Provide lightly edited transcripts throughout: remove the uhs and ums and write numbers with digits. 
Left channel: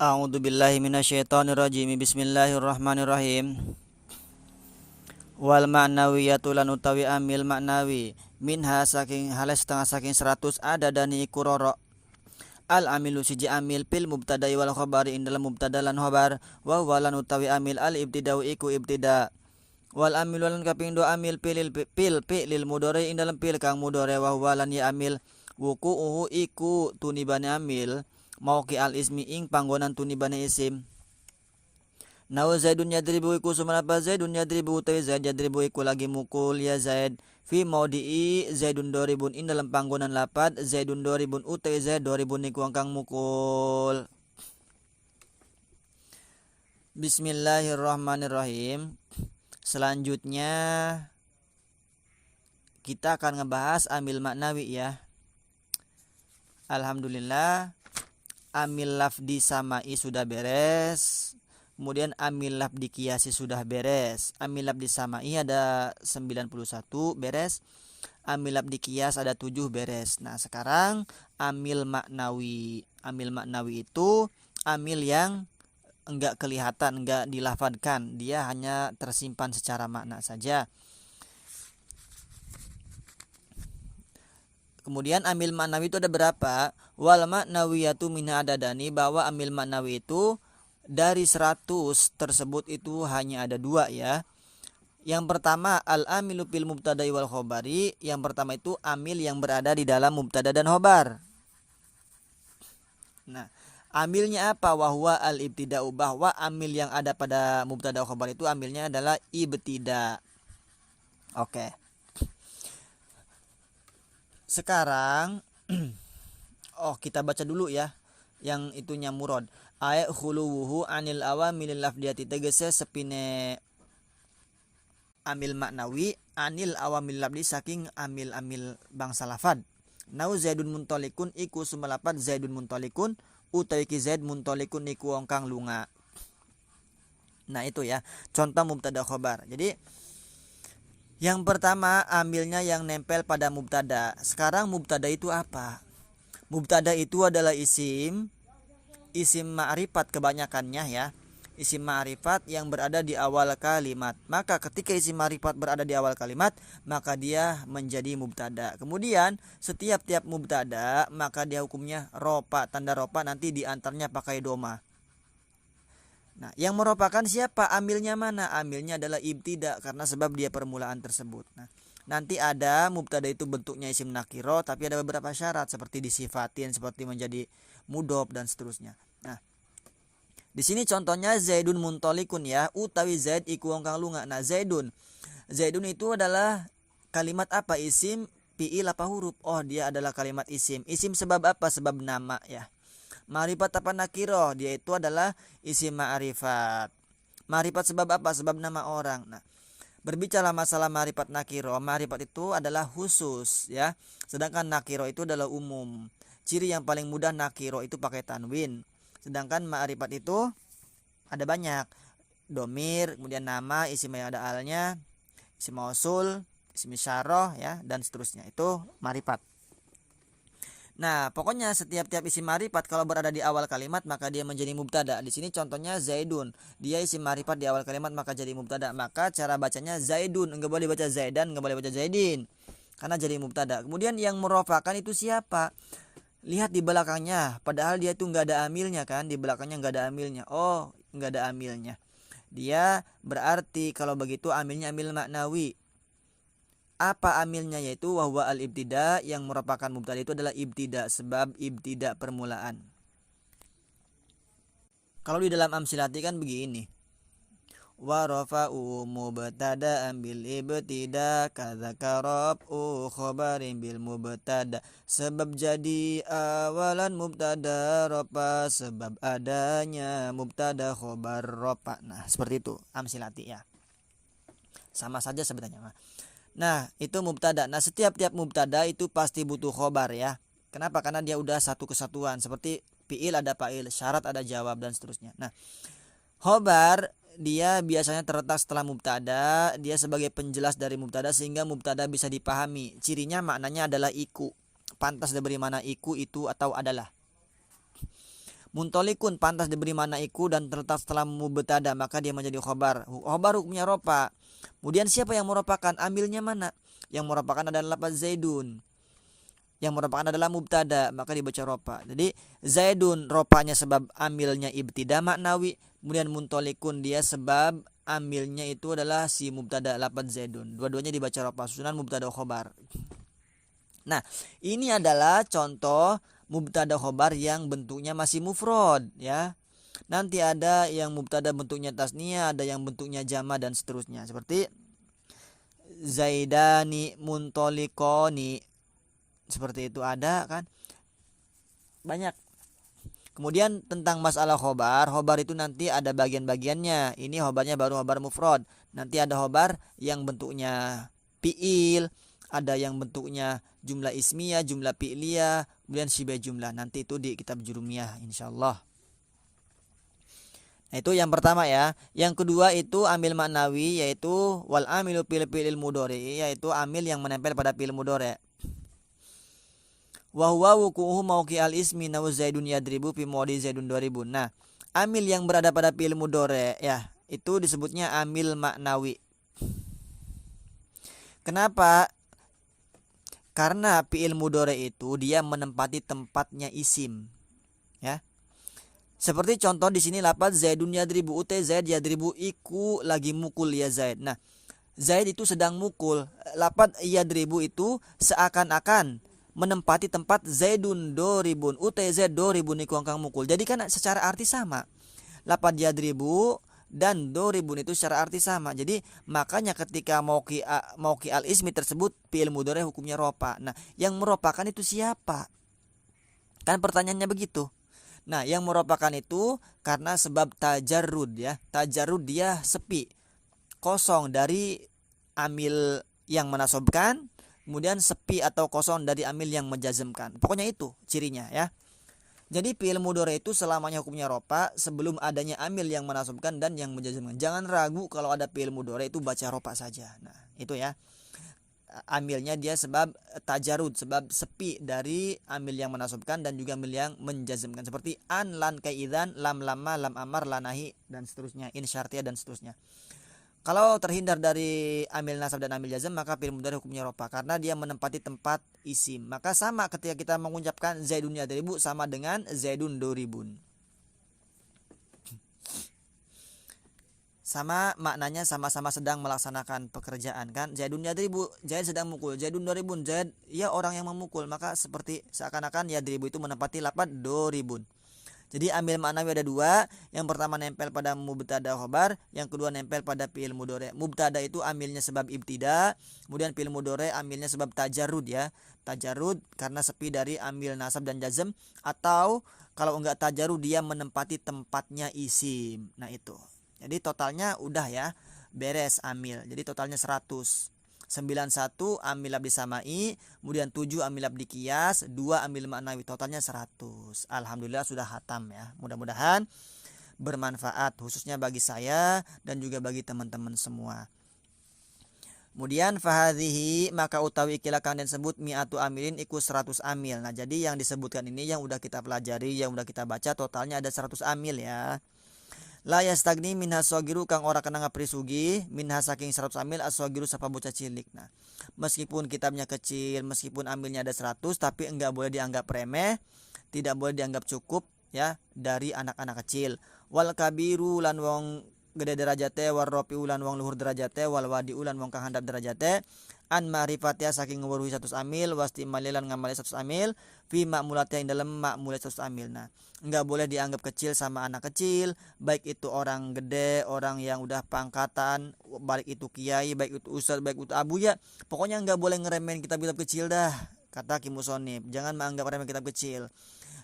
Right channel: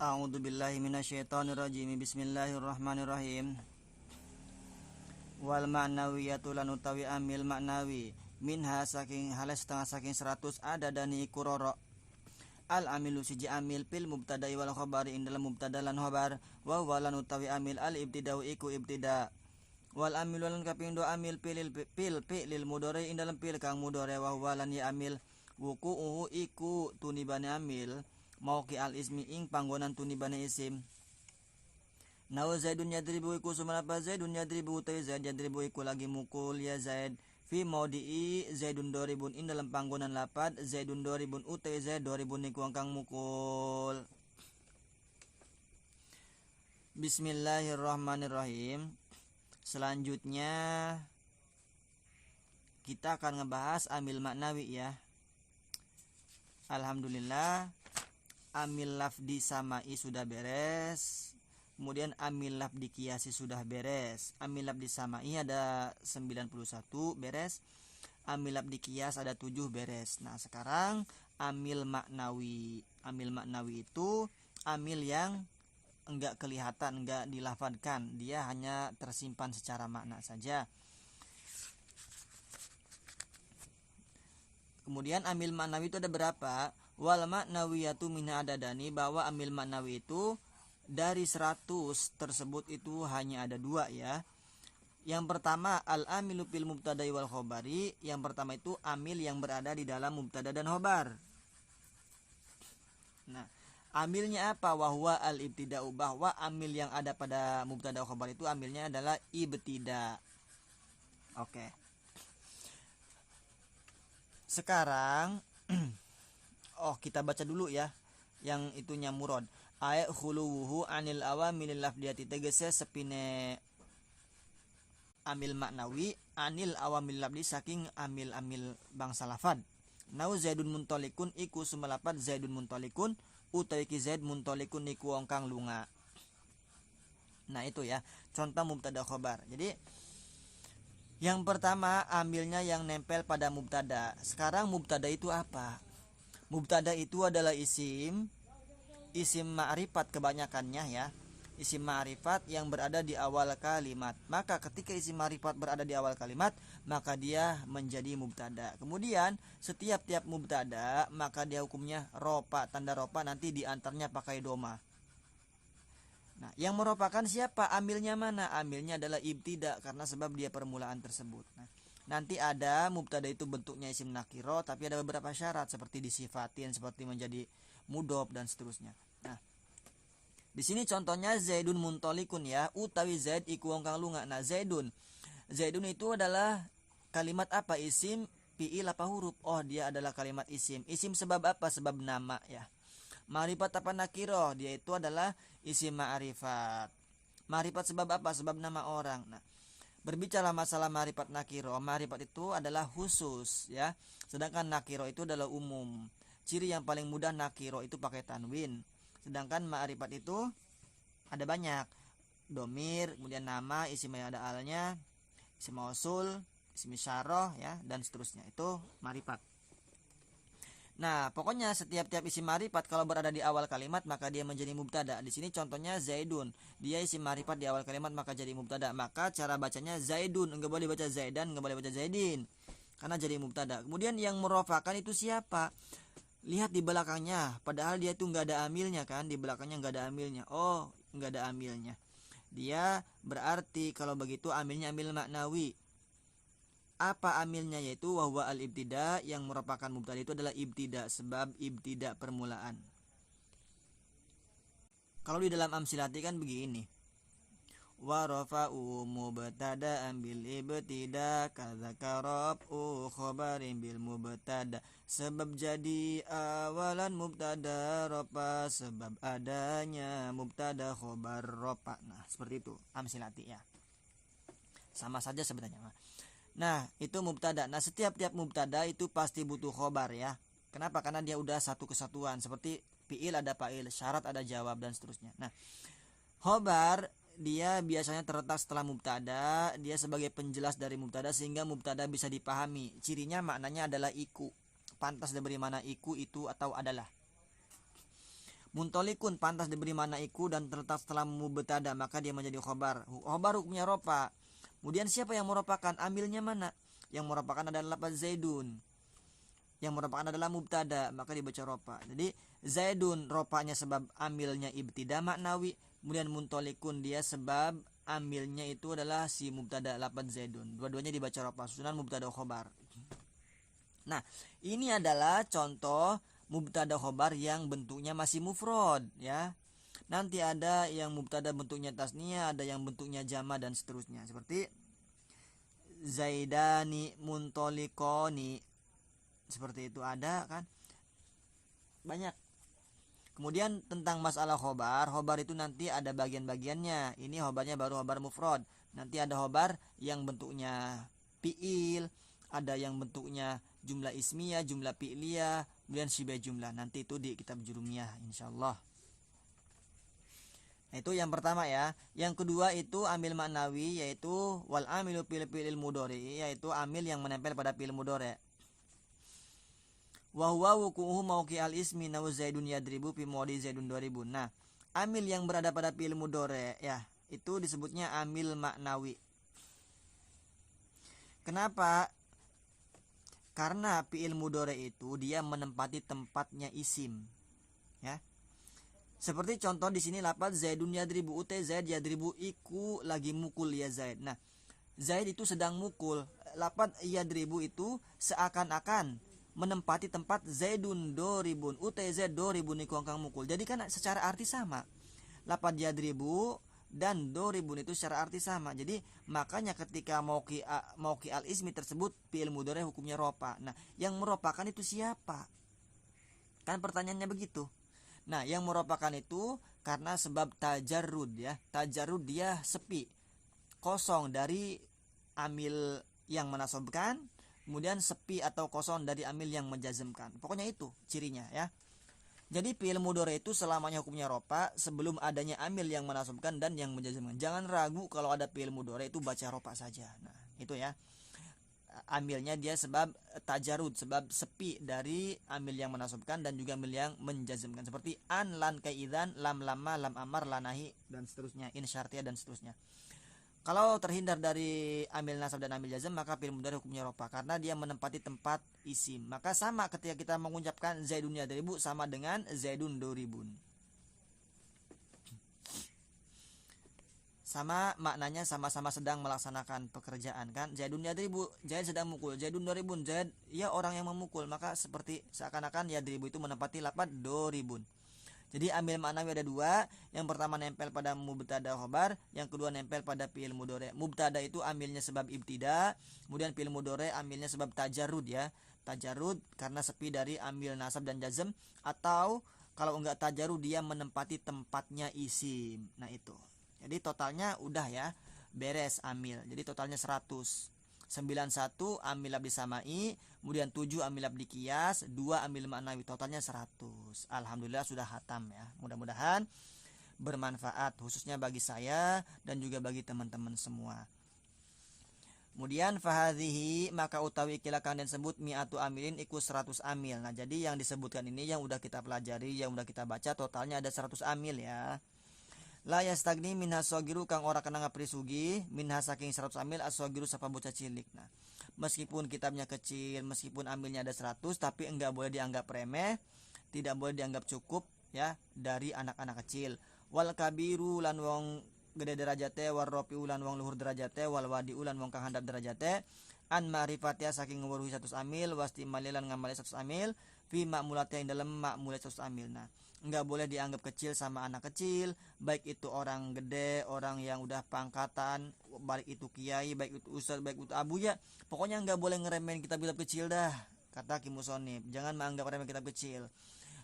A'udzubillahi minasyaitonirrajim. Bismillahirrahmanirrahim. Wal ma'nawiyatu lan utawi amil maknawi minha saking halas setengah saking 100 ada dani iku roro. Al amilu siji amil pil mubtada'i wal khabari ing dalam mubtada lan khabar wa huwa lan utawi amil al ibtida'u iku ibtida. Wal amilu lan kaping do amil pil lil mudhari ing dalam pil kang mudhari wa huwa lan ya amil wuku'uhu iku tunibane amil mauqi al ismi ing panggonan tunibane isim. Nawa Zaidun yadribu iku sumanapa Zaidun yadribu utawi Zaid yadribu iku lagi mukul ya Zaid fi maudi'i Zaidun doribun ing dalam panggonan lapat Zaidun doribun utawi Zaid doribun iku kang mukul. Bismillahirrahmanirrahim. Selanjutnya kita akan ngebahas amil maknawi ya. Alhamdulillah amil lafdi samai sudah beres. Kemudian amil lafdi qiyasi sudah beres. Amil lafdi samai ada 91 beres. Amil lafdi qiyas ada 7 beres. Nah, sekarang amil maknawi. Amil maknawi itu amil yang enggak kelihatan, enggak dilafadkan. Dia hanya tersimpan secara makna saja. Kemudian amil maknawi itu ada berapa? Wal maknawiyatu minha adadani, bahwa amil maknawi itu dari 100 tersebut itu hanya ada 2 ya. Yang pertama al-amilu fil mubtada'i wal khabari. Yang pertama itu amil yang berada di dalam mubtada dan khobar. Nah, amilnya apa? Wahwa al-ibtida'u, bahwa amil yang ada pada mubtada khobar itu amilnya adalah ibtida. Oke. Sekarang kita baca dulu ya yang itunya murad. Ayat khuluwuhu anil awamilil lafdiyati, tegese sepine amil maknawi anil awamil lafdi saking amil-amil bangsa lafad. Nau Zaidun muntolikun iku sumalapat Zaidun muntolikun utawi ki Zaid muntolikun iku wong kang lunga. Nah itu ya contoh mubtada khobar. Jadi yang pertama ambilnya yang nempel pada mubtada. Sekarang mubtada itu apa? Mubtada itu adalah isim ma'rifat kebanyakannya ya. Isim ma'rifat yang berada di awal kalimat. Maka ketika isim ma'rifat berada di awal kalimat, maka dia menjadi mubtada. Kemudian setiap mubtada maka dia hukumnya ropa, tanda ropa nanti diantaranya pakai doma. Nah, yang merupakan siapa? Amilnya mana? Amilnya adalah ibtida karena sebab dia permulaan tersebut. Nah, nanti ada mubtada itu bentuknya isim nakiro, tapi ada beberapa syarat seperti disifatin, seperti menjadi mudhof dan seterusnya. Nah, di sini contohnya Zaidun muntolikun ya, utawi Zaid iku wong kang lunga. Nah, Zaidun itu adalah kalimat apa? Isim, fiil apa huruf? Oh, dia adalah kalimat isim. Isim sebab apa? Sebab nama ya. Ma'rifat apa nakiro? Dia itu adalah isim ma'rifat. Ma'rifat sebab apa? Sebab nama orang. Nah, berbicara masalah ma'rifat nakiro, ma'rifat itu adalah khusus ya. Sedangkan nakiro itu adalah umum. Ciri yang paling mudah nakiro itu pakai tanwin. Sedangkan ma'rifat itu ada banyak. Domir, kemudian nama, isim yang ada alnya, isim mausul, isim isyarah ya, dan seterusnya. Itu ma'rifat. Nah, pokoknya setiap isim ma'rifat kalau berada di awal kalimat maka dia menjadi mubtada. Di sini contohnya Zaidun. Dia isim ma'rifat di awal kalimat maka jadi mubtada. Maka cara bacanya Zaidun, enggak boleh baca Zaidan, enggak boleh baca Zaidin. Karena jadi mubtada. Kemudian yang merofakan itu siapa? Lihat di belakangnya, padahal dia itu enggak ada amilnya kan, di belakangnya enggak ada amilnya. Oh, enggak ada amilnya. Dia berarti kalau begitu amilnya amil maknawi. Apa amilnya? Yaitu wahwa al-ibtida, yang merupakan mubtada itu adalah ibtida, sebab ibtida permulaan. Kalau di dalam amsilati kan begini. Wa rafa'u mubtada'an bil ibtida kadzaka raf'u khabarin bil mubtada. Sebab jadi awalan mubtada rafa, sebab adanya mubtada khabar rafa. Nah, seperti itu amsilati ya. Sama saja sebenarnya. Nah, itu mubtada. Nah, setiap mubtada itu pasti butuh khobar ya. Kenapa? Karena dia udah satu kesatuan. Seperti fi'il ada fa'il, syarat ada jawab dan seterusnya. Nah, khobar dia biasanya terletak setelah mubtada. Dia sebagai penjelas dari mubtada sehingga mubtada bisa dipahami. Cirinya maknanya adalah iku. Pantas diberi mana iku, itu, atau adalah. Muntolikun pantas diberi makna iku dan terletak setelah mubtada maka dia menjadi khobar. Khobar hukumnya ropa. Kemudian siapa yang meropakan? Amilnya mana? Yang meropakan adalah lafaz Zaidun. Yang meropakan adalah mubtada maka dibaca ropa. Jadi Zaidun ropanya sebab amilnya ibtida maknawi. Kemudian muntolikun dia sebab amilnya itu adalah si mubtada lafaz Zaidun. Dua-duanya dibaca ropa susunan mubtada khobar. Nah, ini adalah contoh mubtada khobar yang bentuknya masih mufrad ya. Nanti ada yang mubtada bentuknya tasniyah, ada yang bentuknya jama dan seterusnya. Seperti Zaidani muntolikoni. Seperti itu ada kan? Banyak. Kemudian tentang masalah khobar itu nanti ada bagian-bagiannya. Ini khobarnya baru khobar mufrad. Nanti ada khobar yang bentuknya fi'il, ada yang bentuknya jumlah ismiyah, jumlah fi'liyah, kemudian syibah jumlah. Nanti itu di kitab jurumiyah insyaallah. Nah, itu yang pertama ya. Yang kedua itu amil maknawi yaitu wal amilu fil fi'il mudhari yaitu amil yang menempel pada fi'il mudhari. Wa huwa wuqu'uhu mauqi al ismi naw zaidun yadribu fi mawdi zaidun 2000. Nah, amil yang berada pada fi'il mudhari ya, itu disebutnya amil maknawi. Kenapa? Karena fi'il mudhari itu dia menempati tempatnya isim. Ya. Seperti contoh di sini lafaz Zaidun yadribu, utai Zaid yadribu iku lagi mukul ya Zaid. Nah, Zaid itu sedang mukul. Lafaz yadribu itu seakan-akan menempati tempat Zaidun doribun, utai Zaid doribun iku angkang mukul. Jadi kan secara arti sama. Lafaz yadribu dan doribun itu secara arti sama. Jadi makanya ketika mauqi al ismi tersebut fi'il mudhari hukumnya ropa. Nah, yang meropakan itu siapa? Kan pertanyaannya begitu. Nah, yang meropakan itu karena sebab tajarrud ya. Tajarrud dia sepi, kosong dari amil yang menasobkan, kemudian sepi atau kosong dari amil yang menjazmkan. Pokoknya itu cirinya ya. Jadi fi'il mudhari itu selamanya hukumnya ropa sebelum adanya amil yang menasobkan dan yang menjazmkan. Jangan ragu kalau ada fi'il mudhari itu baca ropa saja. Nah, itu ya. Amilnya dia sebab tajarud, sebab sepi dari amil yang menasobkan dan juga amil yang menjazmkan. Seperti an, lan, kaidan, lam, lama, lam, amar, lanahi dan seterusnya, in syartiyah dan seterusnya. Kalau terhindar dari amil nasab dan amil jazm maka fi'il mudhari hukumnya rofa karena dia menempati tempat isim. Maka sama ketika kita mengucapkan Zaidun yadribu sama dengan Zaidun doribun. Sama maknanya sama-sama sedang melaksanakan pekerjaan kan. Zaidun yadribu, Zaid sedang mukul. Zaidun doribun, Zaid ya orang yang memukul. Maka seperti seakan-akan yadribu itu menempati lafaz doribun. Jadi amil maknawi ada dua. Yang pertama nempel pada mubtada khobar, yang kedua nempel pada fi'il mudhari. Mubtada itu amilnya sebab ibtida, kemudian fi'il mudhari amilnya sebab tajarrud ya. Tajarrud karena sepi dari amil nasab dan jazm, atau kalau enggak tajarrud dia menempati tempatnya isim. Nah itu. Jadi totalnya udah ya, beres amil. Jadi totalnya 100. 91 amil abdi samai, kemudian 7 amil abdi qiyas, 2 amil maknawi, totalnya 100. Alhamdulillah sudah hatam ya. Mudah-mudahan bermanfaat khususnya bagi saya dan juga bagi teman-teman semua. Kemudian fahadhihi maka utawi ikilah kang den sebut mi'atu amilin iku 100 amil. Nah, jadi yang disebutkan ini yang udah kita pelajari, yang udah kita baca totalnya ada 100 amil ya. La yastagni minha sogiru kang ora kena ngaprisugi minha saking 100 amil as-sogiru sapa bocah cilik. Nah, meskipun kitabnya kecil, meskipun amilnya ada 100 tapi enggak boleh dianggap remeh, tidak boleh dianggap cukup ya dari anak-anak kecil. Wal kabiru lan wong gede derajate, war rafi'u lan wong luhur derajate, wal wadi'u lan wong kang handap derajate, an ma'rifatia saking ngweruhi 100 amil, wasti malilan ngamali 100 amil, fi ma'mulatnya ing dalam ma'mulat 100 amil. Nah, enggak boleh dianggap kecil sama anak kecil, baik itu orang gede, orang yang udah pangkatan, baik itu kiai, baik itu ustadz, baik itu abu ya. Pokoknya enggak boleh ngeremehin kitab-kitab kecil dah, kata Ki Musonib. Jangan menganggap remeh kitab kecil.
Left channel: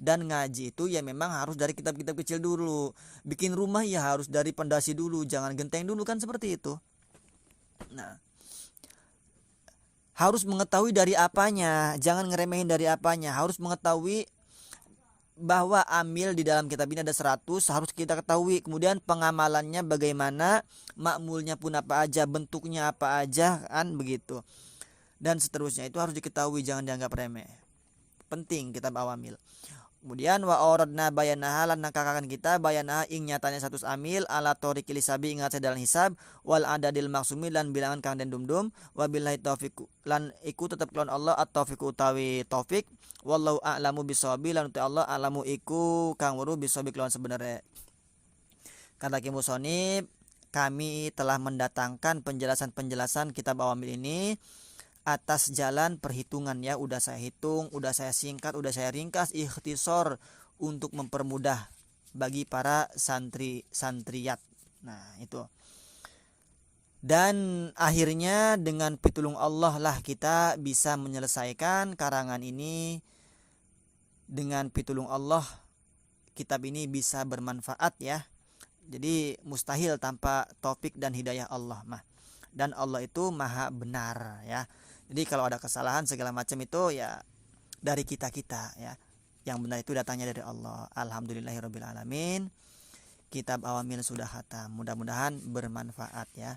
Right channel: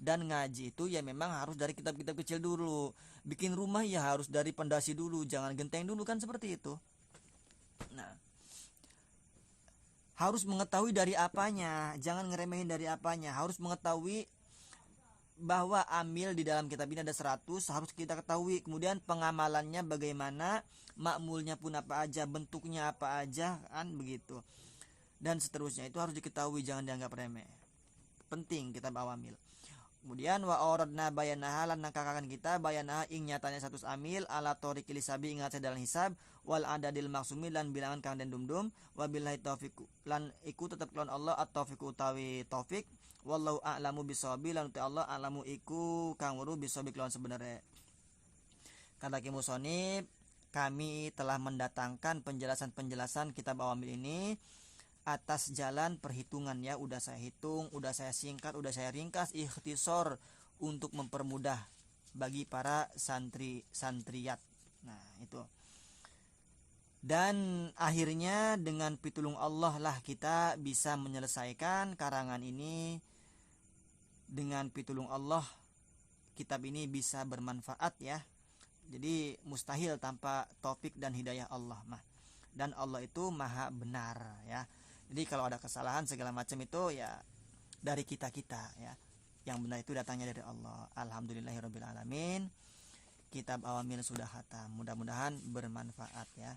Dan ngaji itu ya memang harus dari kitab-kitab kecil dulu. Bikin rumah ya harus dari pondasi dulu, jangan genteng dulu kan seperti itu. Nah, harus mengetahui dari apanya, jangan ngeremehin dari apanya, harus mengetahui bahwa amil di dalam kitab ini ada 100 harus kita ketahui. Kemudian pengamalannya bagaimana, makmulnya pun apa aja, bentuknya apa aja kan begitu. Dan seterusnya itu harus diketahui, jangan dianggap remeh. Penting kitab awamil. Kemudian wa auradna bayanaha lan nangkakaken kita bayanaha ing nyatanya satu amil ala tariqil hisabi ingat sedalan hisab wal adadil maksumi lan bilangan kang den dumdum wa billahi taufiq lan iku tetep kelon Allah at-taufiq utawi taufik wallahu a'lamu bisawabi lan uta Allah alamu iku kang weruh bisawabi kelon sebenarnya. Kata Ki Musonib, kami telah mendatangkan penjelasan-penjelasan kitab Awamil ini atas jalan perhitungan ya, udah saya hitung, udah saya singkat, udah saya ringkas, ikhtisor untuk mempermudah bagi para santri-santriyat. Nah, itu. Dan akhirnya dengan pitulung Allah lah kita bisa menyelesaikan karangan ini. Dengan pitulung Allah kitab ini bisa bermanfaat ya. Jadi mustahil tanpa taufik dan hidayah Allah mah. Dan Allah itu maha benar ya. Jadi kalau ada kesalahan segala macam itu ya dari kita-kita ya. Yang benar itu datangnya dari Allah. Alhamdulillahirabbil alamin. Kitab Awamil sudah khatam. Mudah-mudahan bermanfaat ya.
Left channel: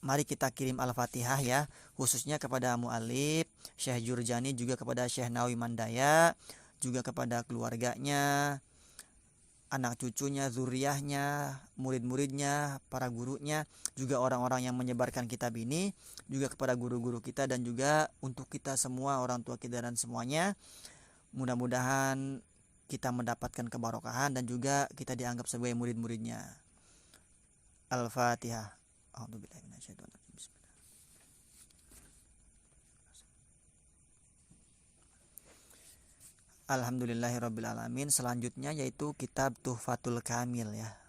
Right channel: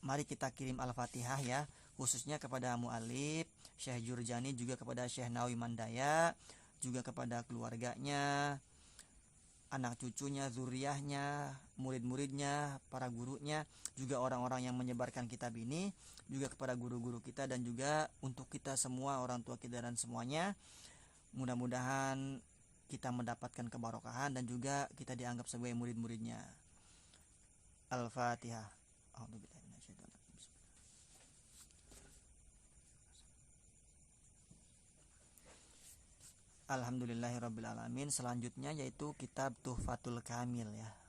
Mari kita kirim Al-Fatihah ya, khususnya kepada mu'alif Syekh Jurjani, juga kepada Syekh Nawawi Mandaya, juga kepada keluarganya, anak cucunya, zuriyahnya, murid-muridnya, para gurunya, juga orang-orang yang menyebarkan kitab ini, juga kepada guru-guru kita dan juga untuk kita semua, orang tua kita dan semuanya. Mudah-mudahan kita mendapatkan kebarokahan dan juga kita dianggap sebagai murid-muridnya. Al-Fatihah. Alhamdulillahirabbil alamin. Selanjutnya yaitu kitab Tuhfatul Kamil ya.